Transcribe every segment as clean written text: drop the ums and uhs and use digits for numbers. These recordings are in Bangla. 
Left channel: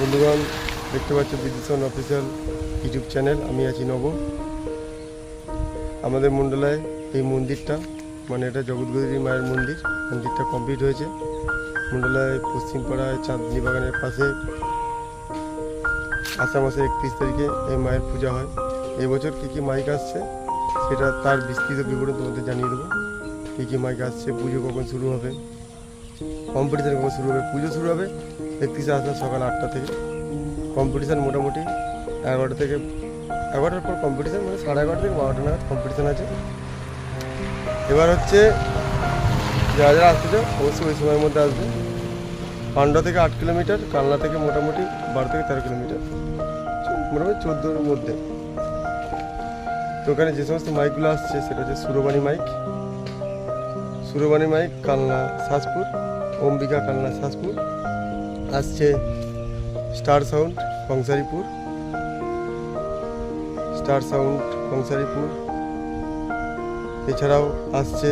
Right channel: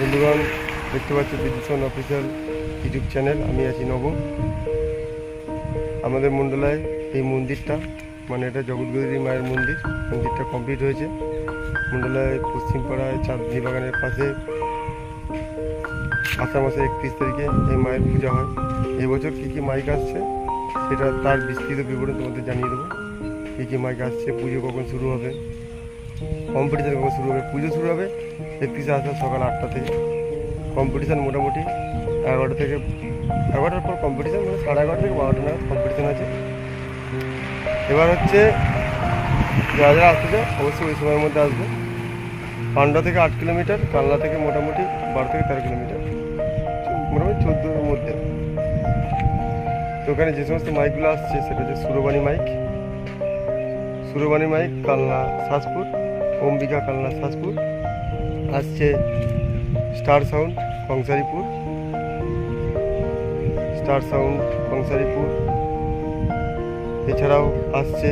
বন্ধুগণ, দেখতে পাচ্ছ বিদ্যুৎ অফিসিয়াল ইউটিউব চ্যানেল। আমি আছি নব। আমাদের মণ্ডলায় এই মন্দিরটা, মানে এটা জগৎগৌরী মায়ের মন্দির, মন্দিরটা কমপ্লিট হয়েছে। মণ্ডলায় পশ্চিমপাড়ায় চাঁদনি বাগানের পাশে আষাঢ় মাসের 31 তারিখে এই মায়ের পূজা হয়। এবছর কী কী মাইক আসছে সেটা তার বিস্তৃত বিবরণ তোমাদের জানিয়ে দেবো। কী কী মাইক আসছে, পুজো কখন শুরু হবে, কম্পিটিশান কখন শুরু হবে। পুজো শুরু হবে 31 আষাঢ় সকাল 8টা থেকে। কম্পিটিশান মোটামুটি 11টা থেকে 11টার পর কম্পিটিশান, মানে 11:30 থেকে 12টা নাগাদ কম্পিটিশান আছে। এবার হচ্ছে যারা যারা আসতে চাও অবশ্যই ওই সময়ের মধ্যে আসবে। পান্ডা থেকে 8 কিলোমিটার, কালনা থেকে মোটামুটি 12 থেকে 13 কিলোমিটার, মোটামুটি 14-র মধ্যে। তো ওখানে যে সমস্ত মাইকগুলো আসছে সেটা হচ্ছে সুরবাণী মাইক, কালনা শাসপুর, অম্বিকা কালনা শাসপুর। আসছে স্টার সাউন্ড কংসারিপুর। এছাড়াও আসছে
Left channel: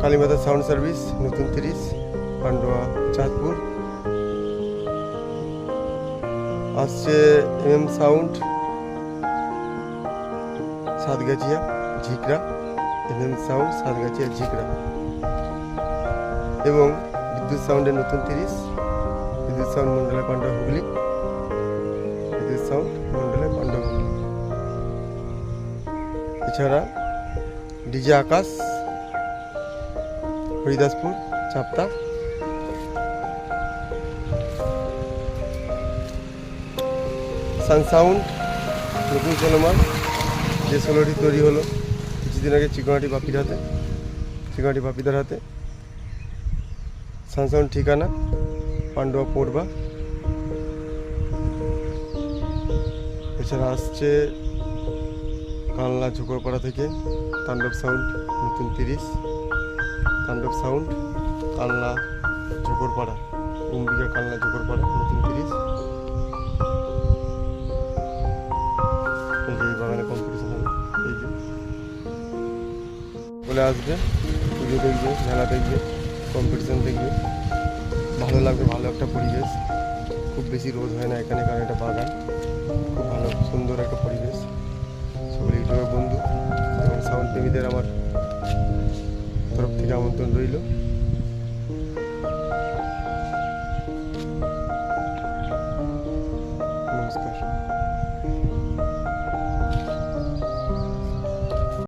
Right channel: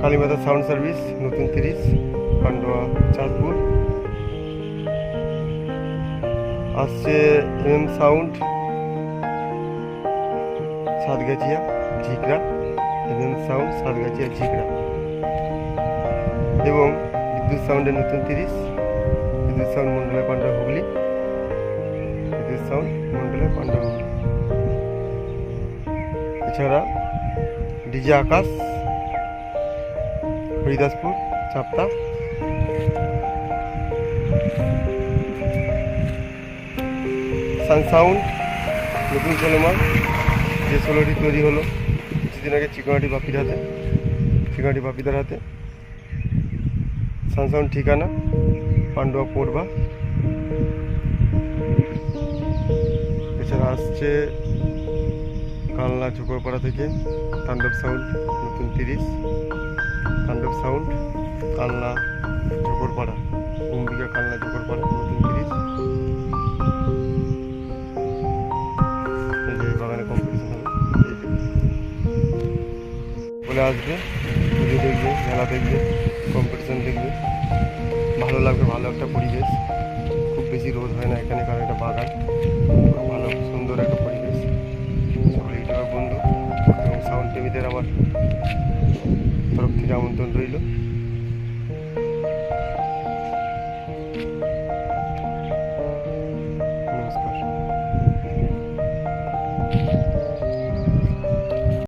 কালীমাতা সাউন্ড সার্ভিস নতুন 30 পান্ডুয়া চাঁদপুর। আসছে সাউন্ড সাতগাছিয়া ঝিকরা, এবং বিদ্যুৎ সাউন্ডের নতুন 30, বিদ্যুৎ সাউন্ড মন্ডলের পান্ডা হুগলি, এছাড়া ডিজে আকাশ হরিদাসপুর চাপতা। সাউন্ড নতুন 16 মাল, যে 16টি তৈরি হলো কিছুদিন আগে চিকনাটি বাপিদার হাতে। সাউন্ড ঠিকানা পান্ডুয়া পড়বা। এছাড়া আসছে কালনা ঝোকরপাড়া থেকে তাণ্ডব সাউন্ড নতুন 30, কালনা ঝোকরপাড়া, অম্বিকা কালনা ঝোকরপাড়া নতুন 30। এই যে বাগানে কম্পিটিশন হবে, এই যে বলে আসবে, পুজো দেখবে, মেলা দেখবে, কম্পিটিশন দেখবে, ভালো লাগবে। ভালো একটা পরিবেশ, খুব বেশি রোদ হয় না এখানে, কারণ এটা বাগান। খুব ভালো সুন্দর একটা পরিবেশ। সকলে ইউটিউবের বন্ধু এবং সাউন্ড প্রেমীদের আমার তরফ থেকে আমন্ত্রণ রইল।